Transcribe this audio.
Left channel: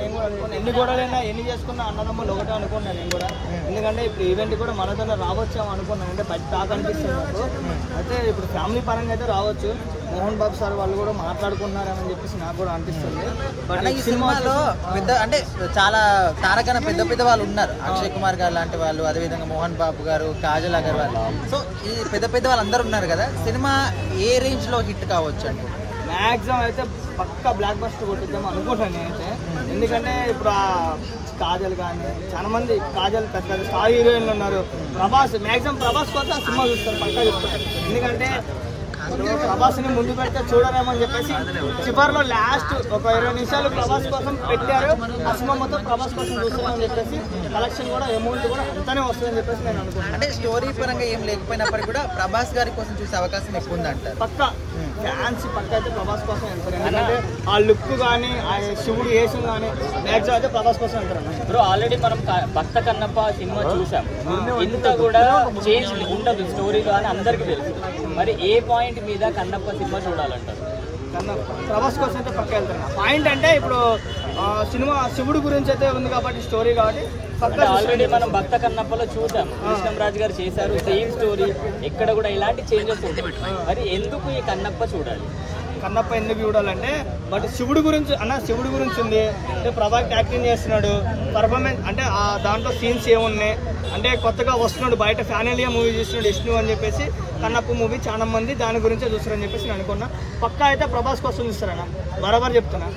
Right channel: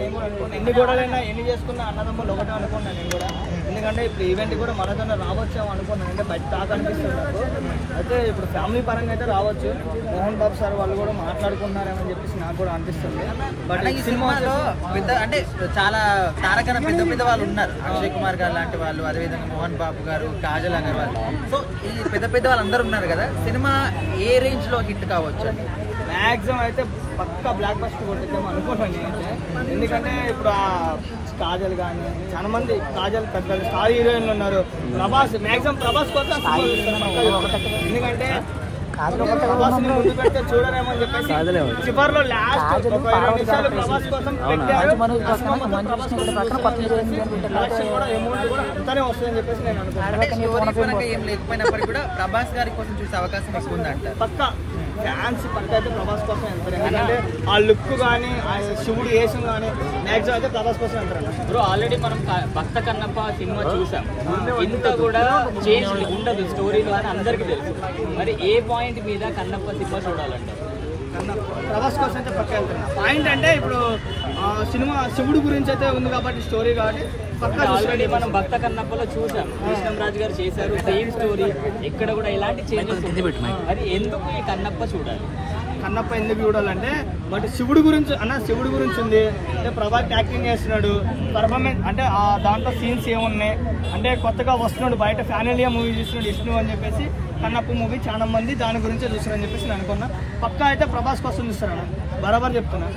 నేను కూడా అనుకున్నాను. ఎన్ని గొడవలైనా ఎన్ని చేసుకున్నా అన్నదమ్ములు ఒకటే అనుకున్నాను నేను కూడా. ఎందుకంటే ఇప్పుడు ఈవెంట్ కూడా మనతోనే రావచ్చాము అనుకున్నాను. అంటే బయట టాక్ అనిపిస్తుంది నాకు. అయితే ఇప్పుడు ఫ్యామిలీ పరంగా అయితే రావచ్చు. మోహన్ బాబు సార్ వాళ్ళు కూడా మాట్లాడుకున్నారని చెప్పేసి నాకు కూడా అనిపిస్తుంది. బట్ ఈ సినిమాలో పెద్ద అంటే చాలా తారకన పెద్ద వాళ్ళు ఉన్నారు. అక్షయ్ కుమార్ గారు లాంటి వాళ్ళు, అదేవిధంగా మోహన్ బాబు గారు, కాజల్ అగర్వాల్. సో ఈ పెద్ద వాళ్ళు అందరూ ఉన్నారు కదా. సినిమా ఏ రేంజ్ లో హిట్ కావచ్చు అండి? మ్యాక్సిమం అయితే పక్కా బ్లాక్ బస్టర్ కొట్టిద్దాం అనుకుంటాను నేనైతే. ఎందుకంటే ఇప్పుడు ఆ కాజల్ కానీ చాలా మంది కాజల్ పెద్ద స్టార్ హీరోయిన్లు ఉన్నారు. ప్రభాస్ మ్యాక్సిమం ప్రభాస్ కోసం సినిమా చూస్తారు పక్కా చూస్తారు. ఎందుకంటే ప్రభాస్ ని ముందు పెడితే చూడరేమో అని చెప్పేసి చివరిలో లాస్ట్ ఒక 20 నిమిషాలు ప్రభాస్ కోసం పెట్టారు. ఆ సినిమా మొత్తం ప్రభాస్ కోసం చూస్తారని చెప్పేసి కలెక్షన్ కూడా అమౌంట్ కూడా అంతానే వస్తుందని చెప్పేసి నేను అనుకుంటున్నాను. అంటే స్టోరీ పరంగా ఏం లేకపోయినప్పటికీ కూడా ప్రభాస్ గారి కోసం చూసే అవకాశం ఎక్కువ ఉందంట. పక్కా ఫ్యాన్స్ పక్క అయితే ప్రభాస్ కోసం వెళ్తారు. ఎందుకంటే ఆ లుక్ కానీ ఆ శివుడు వేషం కానీ మ్యాక్సిమం అయితే ప్రభాస్ కోసం వెళ్తారు. బ్రో ఆల్రెడీ మనం భక్త కన్నప్ప సినిమా చూసాం. ఇంత కూడా చేంజ్ ఉండదు స్టోరీ కానీ అందరికీ తెలుసు. మరి ఏ పాయింట్ మీద కన్నప్ప సినిమా చూడాలంటారు? ప్రభాస్ కోసం అయితే పక్క వెళ్తారు. పాయింట్ అంటే ఇప్పుడు సినిమా శివుడు గురించి అయితే ఉంది కాబట్టి స్టోరీ కాబట్టి పక్కా ఆల్రెడీ మనం భక్త కన్నప్పలో చూసాం. కృష్ణంరాజు గారు చేశారు సేమ్ స్టోరీ. ఇక్కడ కూడా ఎలాంటి చేంజెస్ మరి ఎందుకు ఈ కన్నప్ప చూడాలి? కన్నప్ప ఎందుకు చూడాలంటే బట్ శివుడు గురించి శివుడు గురించి ఉంది. అంటే ప్రభాస్ యాక్టింగ్ చేస్తున్నాడు. పర్ఫార్మెన్స్ అంటే ఆ దాంట్లో సీన్స్ ఏమున్నాయి అంటే కొత్తగా వస్తున్నాడు బయట ఫ్యామిలీయా మూవీ చూస్తున్నాడు విష్ణు అని చెప్పేసి కన్నప్ప మూవీ చాలా మంది దాని గురించే చూస్తారని చెప్పేసి నేను అనుకున్నా. పక్కా అయితే ప్రభాస్ కోసం చూస్తారన్న బరాబర్ చెప్తున్నా.